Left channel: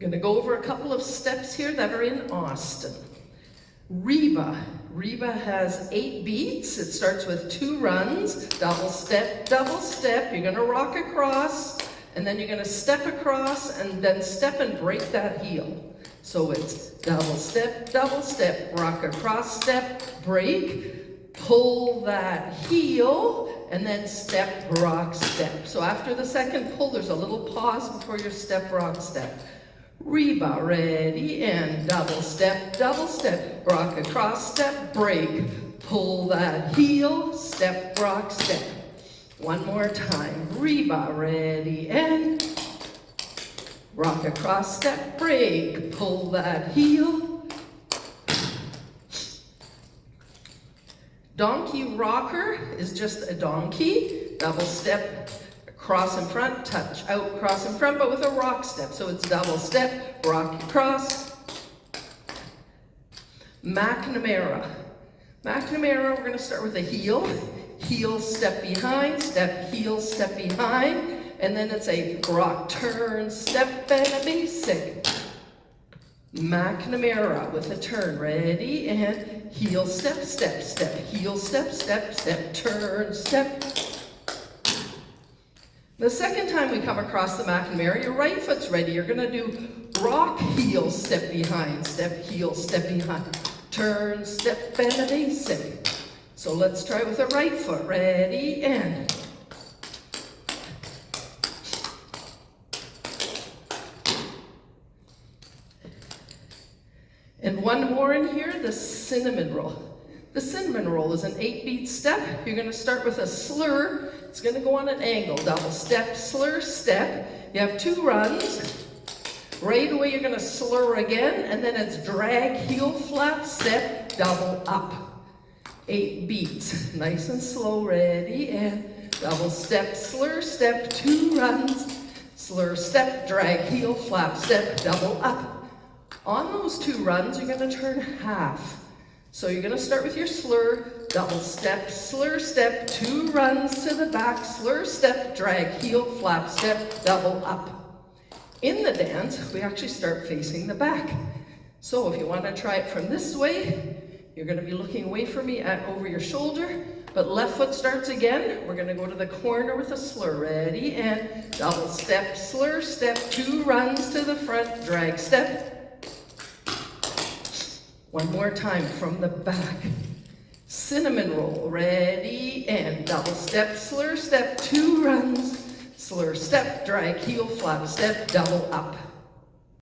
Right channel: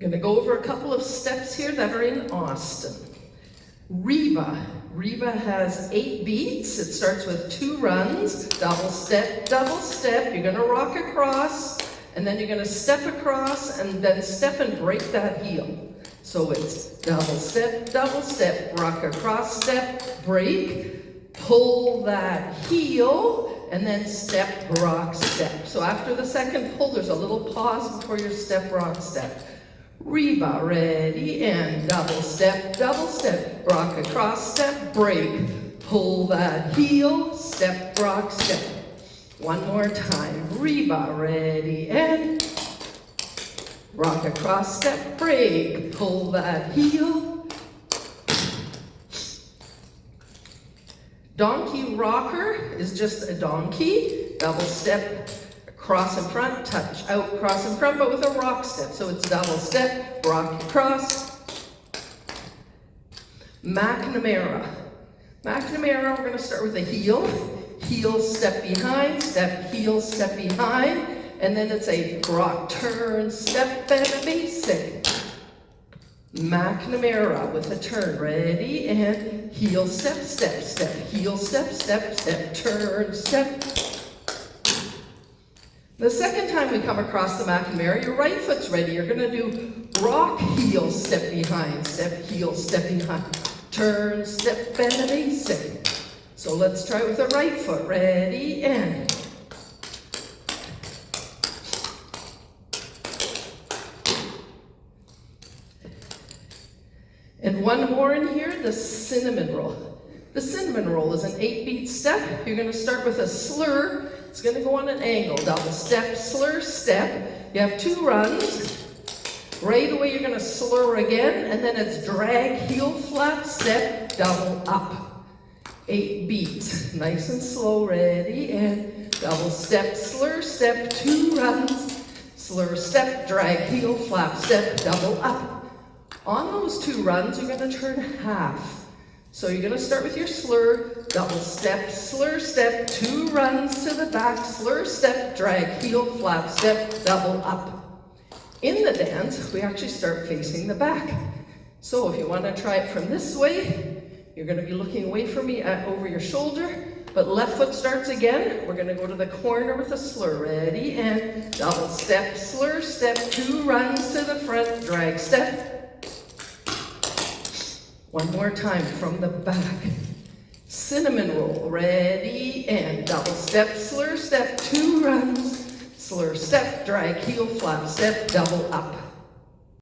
I'm gonna go over a couple of steps here that are in Austin. Reba. Reba has 8 beats. It starts with 2 runs, double step, you're gonna rock across, and then you're gonna step across, and then step and break that heel. So it's double step, rock across, step, break, pull that heel, and then step, rock, step. So after the second pull, there's a little pause before your step, rock, step. Reba, ready, and double step, rock across, step, break, pull that heel, step, rock, step. One more time. Reba, ready, and rock across, step, break, pull that heel. Donkey rocker is just a donkey. Double step, cross in front, touch out, cross in front, but with a rock step. So it's double step, rock across. MacNamara. MacNamara, we're going to start with a heel. Heel, step behind, step, heel, step behind. And then it's a rock, turn, step, and a basic. MacNamara with a turn. Ready, and heel, step, heel, step, turn, step. The second time we come across the MacNamara, your right foot's ready. You're going to do rock, heel, step behind, turn, step, and a basic. So let's try with the right foot. Ready, and one more in here, the cinnamon roll. The cinnamon roll is an 8-beat step. You're going to start with a slur. It's going to go on an angle. Double step, slur, step. You have 2 runs. Right away, you're going to slur again, and then it's drag, heel, flat, step, double up. 8 beats. Nice and slow. Ready, and double step, slur, step, 2 runs. Slur, step, drag, heel, flat, step, double up. On those 2 runs, you're going to turn half. So you're going to start with your slur, double step, slur, step, 2 runs to the back, slur, step, drag, heel, flap, step, double up. In the dance, we actually start facing the back. So if you want to try it from this way, you're going to be looking away from me over your shoulder, but left foot starts again. We're going to go to the corner with a slur. Ready, and double step, slur, step, 2 runs to the front, drag, step. One more time from the back. Cinnamon roll. Ready, and double step, slur, step, 2 runs. Slur, step, drag, heel, flap, step, double up.